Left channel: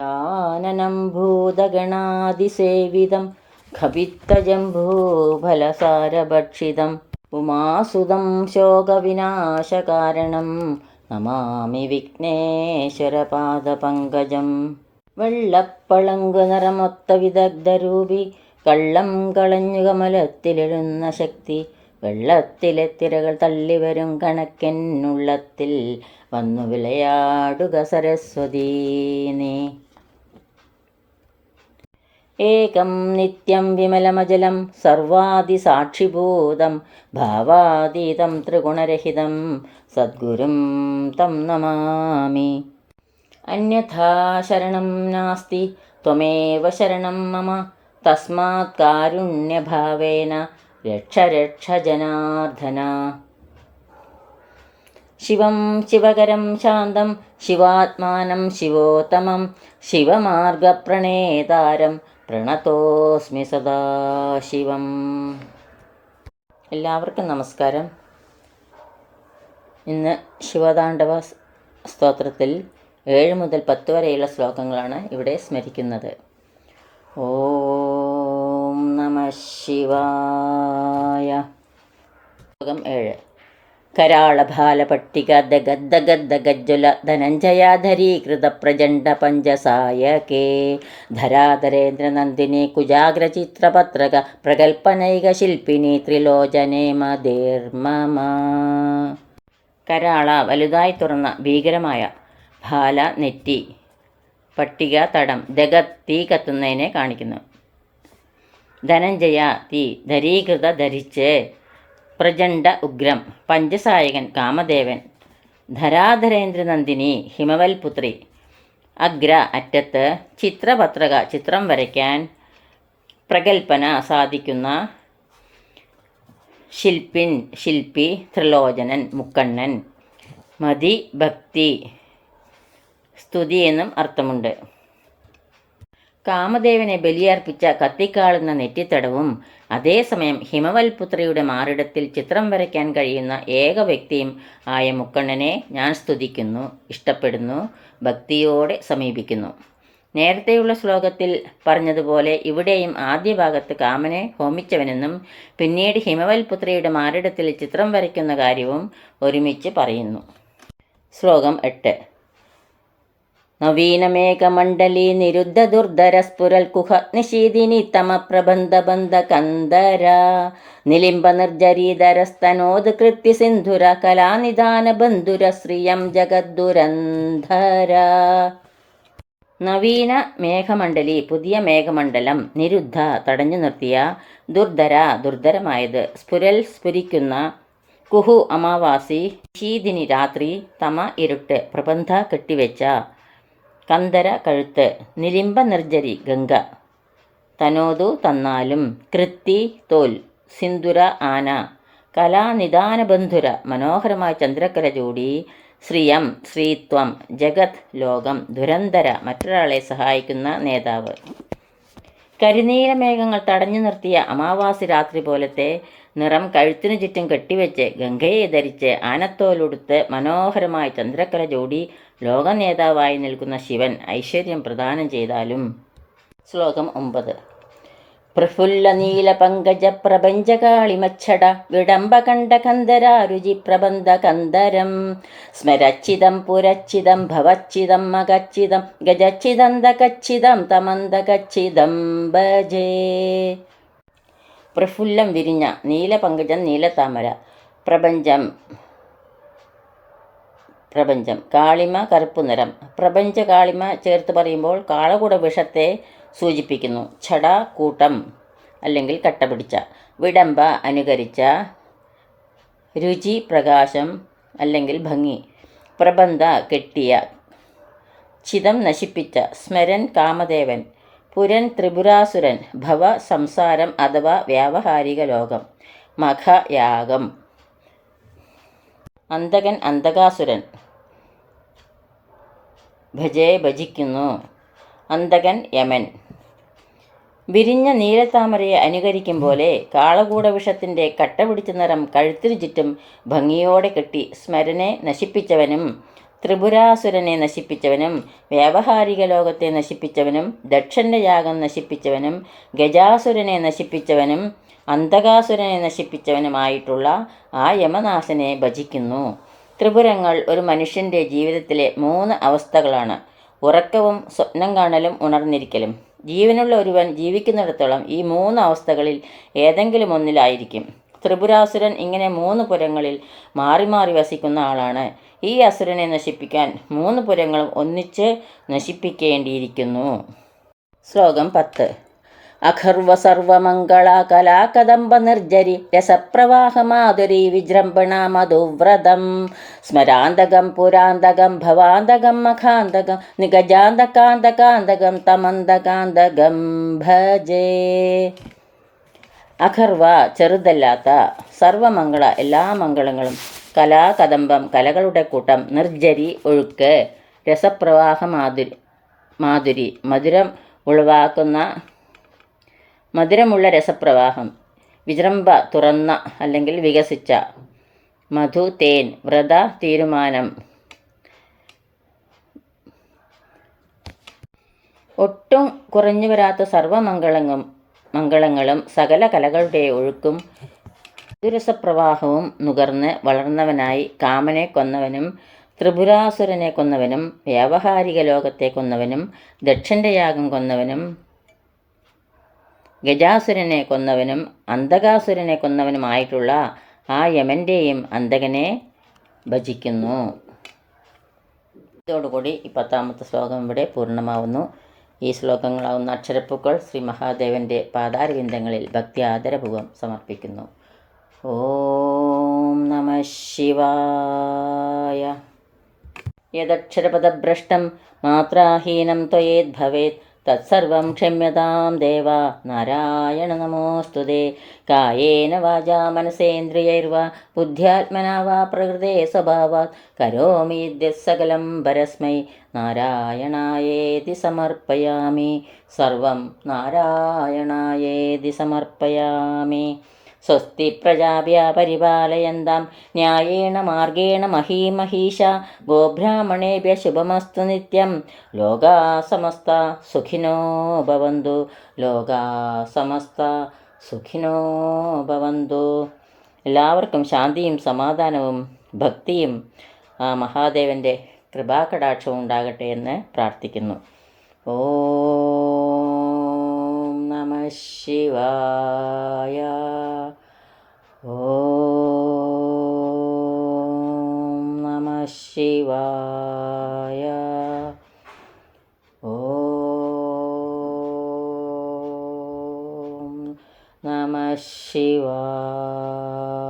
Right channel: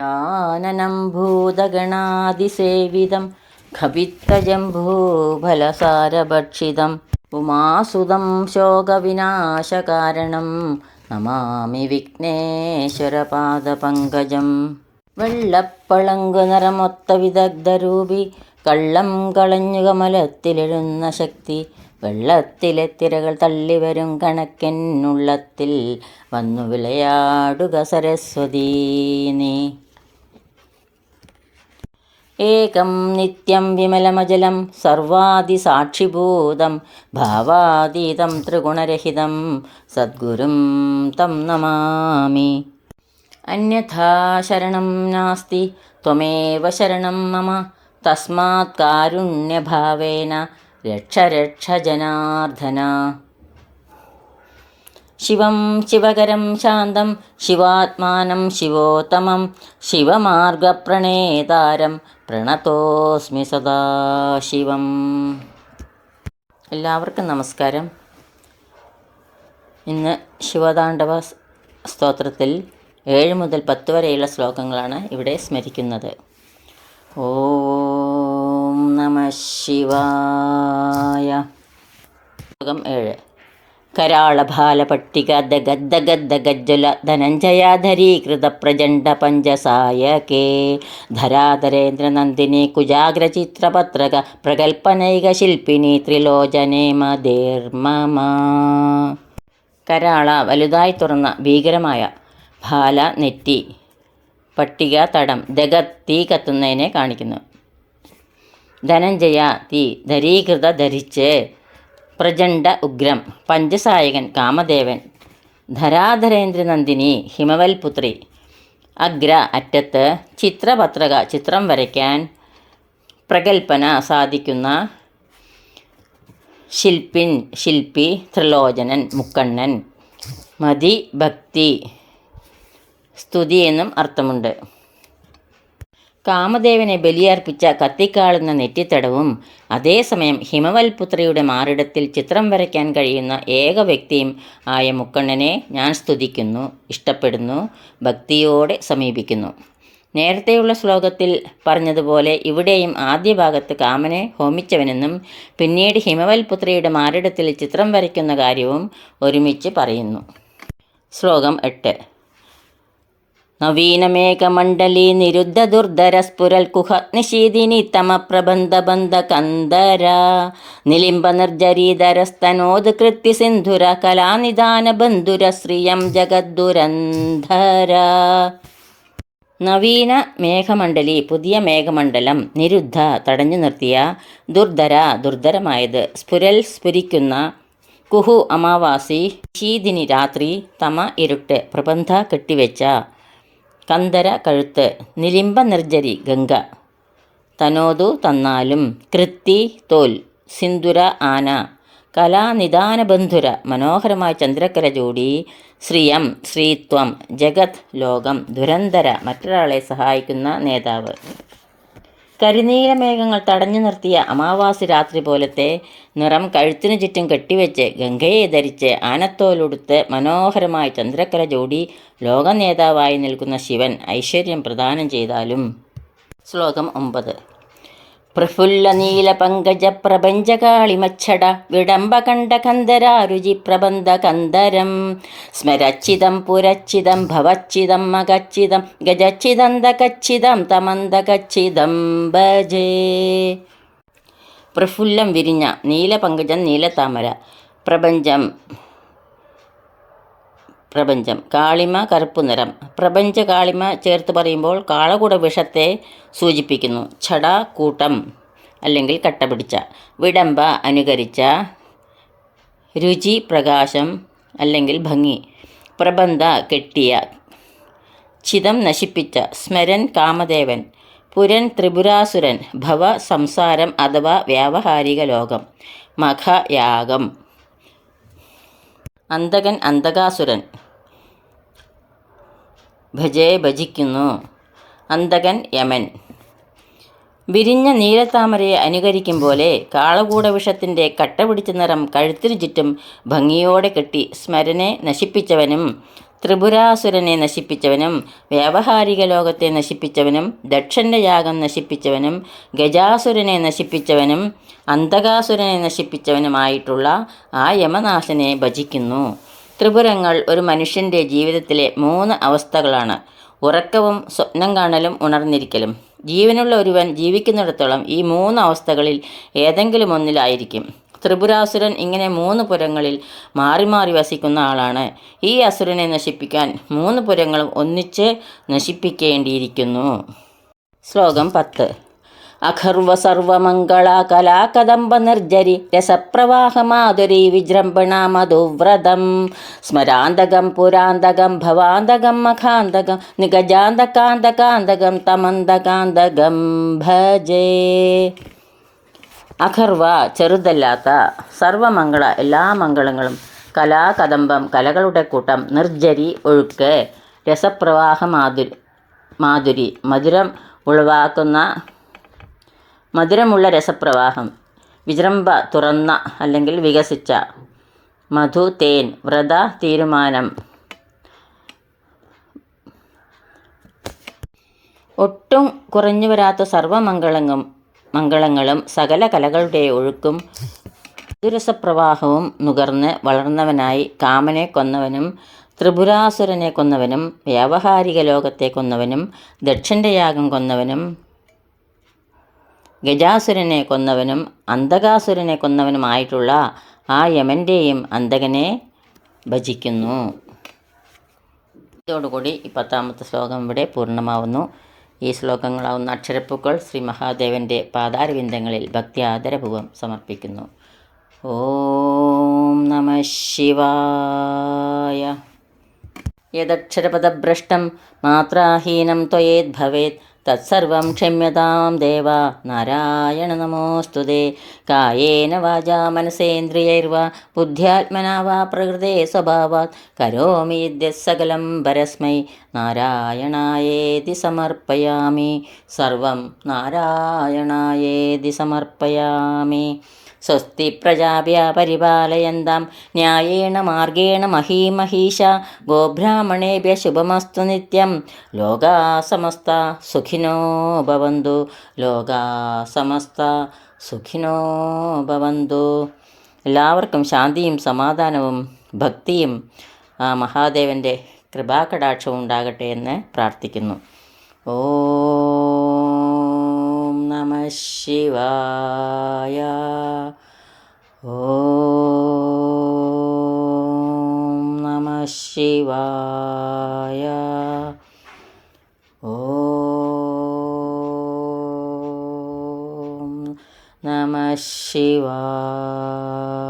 ആനനം ഭൂതഗണാതിസേവിതം ഖവിത്തജംഭൂഫലസാരഭക്ഷിതം ഉമാസുതം ശോകവിനാശകാരണം നമാമി വിഘ്നേശ്വരപാദപങ്കജം. വെള്ളപ്പളങ്കു നിറമൊത്ത വിദഗ്ധരൂപി കള്ളം കളഞ്ഞു കമലത്തിലെഴുന്ന ശക്തി വെള്ളത്തിലെ തിരകൾ തള്ളിവരും കണക്കെന്നുള്ളത്തിൽ വന്നു വിളയാടുക സരസ്വതീ നീ. ഏകം നിത്യം വിമലമജലം സർവാദിസാക്ഷിഭൂതം ഭാവാതീതം ത്രിഗുണരഹിതം സദ്ഗുരും തം നമാമി. അന്യഥാ ശരണം നാസ്തി ത്വമേവ ശരണം മമ തസ്മാത് കാരുണ്യഭാവേന രക്ഷ രക്ഷ ജനാർദ്ദന. ശിവം ശിവകരം ശാന്തം ശിവാത്മാനം ശിവോത്തമം ശിവമാർഗപ്രണേതാരം പ്രണതോസ്മി സദാശിവം. എല്ലാവർക്കും നമസ്കാരം. ഇന്ന് ശിവതാണ്ഡവ സ്തോത്രത്തിൽ 7 മുതൽ 10 വരെയുള്ള ശ്ലോകങ്ങളാണ് ഇവിടെ സ്മരിക്കുന്നത്. ഓം നമഃ ശിവായ. ശ്ലോകം 7. കരാളഭാലപട്ടിക ദഗദ്ദഗദ്ദഗജ്വല ധനഞ്ജയാധരീകൃത പ്രചണ്ഡ പഞ്ചസായകേ ധരാധരേന്ദ്രനന്ദിനി കുജാഗ്രചിത്രപത്രക പ്രകൽപ്പനൈക ശില്പിനി ത്രിലോചനേ മദേർമമ. കരാള വലുതായി തുറന്ന ഭീകരമായ, ഭാല നെറ്റി, പട്ടിക തടം, ദഗത് തീ കത്തുന്നതിനെ കാണിക്കുന്നു, ധനഞ്ജയ തീ, ധരീകൃത ധരിച്ച്, പ്രചണ്ഡ ഉഗ്രം, പഞ്ചസായകൻ കാമദേവൻ, ധരാധരേന്ദ്രനന്ദിനി ഹിമവൽപുത്രി, അഗ്ര അറ്റത്ത്, ചിത്രപത്രക ചിത്രം വരയ്ക്കാൻ, പ്രകൽപ്പന സാധിക്കുന്ന, ശില്പിൻ ശില്പി, ത്രിലോചനൻ മുക്കണ്ണൻ, മതി ഭക്തി സ്തുതി എന്നും അർത്ഥമുണ്ട്. കാമദേവനെ ബലിയർപ്പിച്ച കത്തിക്കാളുന്ന നെറ്റിത്തടവും അതേസമയം ഹിമവൽപുത്രിയുടെ മാറിടത്തിൽ ചിത്രം വരയ്ക്കാൻ കഴിയുന്ന ഏക വ്യക്തിയും ആയ മുക്കണ്ണനെ ഞാൻ സ്തുതിക്കുന്നു, ഇഷ്ടപ്പെടുന്നു, ഭക്തിയോടെ സമീപിക്കുന്നു. നേരത്തെയുള്ള ശ്ലോകത്തിൽ പറഞ്ഞതുപോലെ ഇവിടെയും ആദ്യ ഭാഗത്ത് കാമനെ ഹോമിച്ചവനെന്നും പിന്നീട് ഹിമവൽപുത്രിയുടെ മാറിടത്തിൽ ചിത്രം വരയ്ക്കുന്ന കാര്യവും ഒരുമിച്ച് പറയുന്നു. ശ്ലോകം 8. നവീനമേഘമണ്ഡലീ നിരുദ്ധ ദുർധര സ്ഫുരൽ കുഹ നിശീദിനി തമ പ്രബന്ധ ബന്ധ കന്ദര നിലിംബ നിർജരീധരസ്തനോദ് കൃത്യ സിന്ധുര കലാനിദാന ബന്ധുര ശ്രിയം ജഗദ്ദുരന്ധര. നവീന മേഘമണ്ഡലി പുതിയ മേഘമണ്ഡലം, നിരുദ്ധ തടഞ്ഞു നിർത്തിയ, ദുർധര ദുർധരമായത്, സ്ഫുരൽ സ്ഫുരിക്കുന്ന, കുഹു അമാവാസി, ശീതിനി രാത്രി, തമ ഇരുട്ട്, പ്രബന്ധ കെട്ടിവെച്ച, കന്ദര കഴുത്ത്, നിലിംബ നിർജരി ഗംഗ, തനോതു തന്നാലും, കൃത്തി തോൽ, സിന്ദുര ആന, കലാനിദാനബന്ധുര മനോഹരമായ ചന്ദ്രക്കര ചൂടി, ശ്രിയം ശ്രീത്വം, ജഗത് ലോകം, ദുരന്തര മറ്റൊരാളെ സഹായിക്കുന്ന നേതാവ്. കരിനീലമേഘങ്ങൾ തടഞ്ഞു നിർത്തിയ അമാവാസി രാത്രി പോലത്തെ നിറം കഴുത്തിനു ചുറ്റും കെട്ടിവെച്ച് ഗംഗയെ ധരിച്ച് ആനത്തോലുടുത്ത് മനോഹരമായി ചന്ദ്രക്കര ജോഡി ലോകനേതാവായി നിൽക്കുന്ന ശിവൻ ഐശ്വര്യം പ്രദാനം ചെയ്താലും. ശ്ലോകം 9. പ്രഫുല്ല നീല പങ്കജ പ്രപഞ്ചകാളിമച്ഛട വിടംബകണ്ഠ കന്ദരാരുചി പ്രബന്ധ കന്ദരം സ്മരച്ചിതം പുരച്ചിതം ഭവച്ചിതം മകച്ചിതം ഗജച്ചിതന്തകച്ചിതം തമന്തകച്ചിതം ഭജേ. പ്രഫുല്ലം വിരിഞ്ഞ, നീലപങ്കജം നീലത്താമര, പ്രപഞ്ചം കാളിമ കറുപ്പു നിറം. പ്രപഞ്ച കാളിമ ചേർത്ത് പറയുമ്പോൾ കാളകൂട വിഷത്തെ സൂചിപ്പിക്കുന്നു. ഛട കൂട്ടം അല്ലെങ്കിൽ കട്ടപിടിച്ച, വിടംബ അനുകരിച്ച, രുചി പ്രകാശം അല്ലെങ്കിൽ ഭംഗി, പ്രബന്ധ കെട്ടിയ, ചിതം നശിപ്പിച്ച, സ്മരൻ കാമദേവൻ, പുരൻ ത്രിപുരാസുരൻ, ഭവ സംസാരം അഥവാ വ്യാവഹാരിക ലോകം, മഖ യാഗം, അന്തകൻ അന്തകാസുരൻ, ഭജേ ഭജിക്കുന്നു, അന്തകൻ യമൻ. വിരിഞ്ഞ നീലത്താമരയെ അനുകരിക്കും പോലെ കാളകൂട വിഷത്തിൻ്റെ കട്ടപിടിച്ച നിറം കഴുത്തിനു ചുറ്റും ഭംഗിയോടെ കെട്ടി സ്മരനെ നശിപ്പിച്ചവനും ത്രിപുരാസുരനെ നശിപ്പിച്ചവനും വ്യാവഹാരിക ലോകത്തെ നശിപ്പിച്ചവനും ദക്ഷൻ്റെ യാഗം നശിപ്പിച്ചവനും ഗജാസുരനെ നശിപ്പിച്ചവനും അന്തകാസുരനെ നശിപ്പിച്ചവനുമായിട്ടുള്ള ആ യമനാശനെ ഭജിക്കുന്നു. ത്രിപുരങ്ങൾ ഒരു മനുഷ്യൻ്റെ ജീവിതത്തിലെ 3 അവസ്ഥകളാണ്: ഉറക്കവും സ്വപ്നം കാണലും ഉണർന്നിരിക്കലും. ജീവനുള്ള ഒരുവൻ ജീവിക്കുന്നിടത്തോളം ഈ 3 അവസ്ഥകളിൽ ഏതെങ്കിലും ഒന്നിലായിരിക്കും. ത്രിപുരാസുരൻ ഇങ്ങനെ 3 പുരങ്ങളിൽ മാറി മാറി വസിക്കുന്ന ആളാണ്. ഈ അസുരനെ നശിപ്പിക്കാൻ 3 പുരങ്ങളും ഒന്നിച്ച് നശിപ്പിക്കേണ്ടിയിരിക്കുന്നു. ശ്ലോകം 10. അഖർവ സർവമംഗള കലാകദംബ നിർജരി രസപ്രവാഹമാധുരി വിജൃംഭണ മധുവ്രതം സ്മരാന്തകം പുരാന്തകം ഭവാന്തകം മഖാന്തകം നിഗജാന്തകാന്തകാന്തകം തമന്തകാന്തകം ഭജേ. അഖർവ ചെറുതല്ലാത്ത, സർവമംഗള എല്ലാ മംഗളങ്ങളും, കലാകദംബം കലകളുടെ കൂട്ടം, നിർജരി ഒഴുക്ക്, രസപ്രവാഹ മാധുരി മധുരമുള്ള രസപ്രവാഹം, വിജൃംഭ തുറന്ന അല്ലെങ്കിൽ വികസിച്ച, മധു തേൻ, വ്രത തീരുമാനം, ഒട്ടും കുറഞ്ഞു വരാത്ത സർവമംഗളങ്ങളും സകല കലകളുടെ ഒഴുക്കും മധുരസപ്രവാഹവും നുകർന്ന് വളർന്നവനായി കാമനെ കൊന്നവനും ത്രിപുരാസുരനെ കൊന്നവനും വ്യാവഹാരിക ലോകത്തെ കൊന്നവനും ദക്ഷൻ്റെ യാഗം കൊന്നവനും ഗജാസുരനെ കൊന്നവനും അന്തകാസുരനെ കൊന്നവനുമായിട്ടുള്ള ആ യമൻ്റെയും അന്തകനെ ഭജിക്കുന്നു. ഇതോടുകൂടി ഈ 10ാമത്തെ ശ്ലോകം ഇവിടെ പൂർണ്ണമാവുന്നു. ഈ ശ്ലോകങ്ങളാവുന്ന അക്ഷരപ്പൂക്കൾ ശ്രീ മഹാദേവൻ്റെ പാതാരവിന്ദങ്ങളിൽ ഭക്തി ആദരപൂർവ്വം സമർപ്പിക്കുന്നു. ഓം നമഃ ശിവായ. യദക്ഷരപദഭ്രഷ്ടം മാത്രാഹീനം ത്വയേദ്ഭവേത് തത്സർവം ക്ഷമ്യതാം ദേവ നാരായണ നമോസ്തുതേ. കായേന വാചാ മനസേന്ദ്രിയൈർവാ ബുദ്ധ്യാത്മനാ വാ പ്രകൃതേ സ്വഭാവാത് കരോമി യദ്യത്സകലം പരസ്മൈ നാരായണായേതി സമർപ്പയാമി. സർവം നാരായണായേതി സമർപ്പയാമി. സ്വസ്തി പ്രജാഭ്യ പരിപാലയന്താം ന്യായേണ മാർഗേണ മഹീമഹീഷ ഗോബ്രാഹ്മണേഭ്യ ശുഭമസ്തു നിത്യം. ലോകാ സമസ്ത സുഖിനോ ഭവന്തു. ലോകാ സമസ്ത സുഖിനോ ഭവന്തു. എല്ലാവർക്കും ശാന്തിയും സമാധാനവും ഭക്തിയും മഹാദേവൻ്റെ കൃപാകടാക്ഷവും ഉണ്ടാകട്ടെ എന്ന് പ്രാർത്ഥിക്കുന്നു. ഓം നമഃ ശിവായ. ഓം നമഃ ശിവായ. ഓം നമഃ ശിവായ.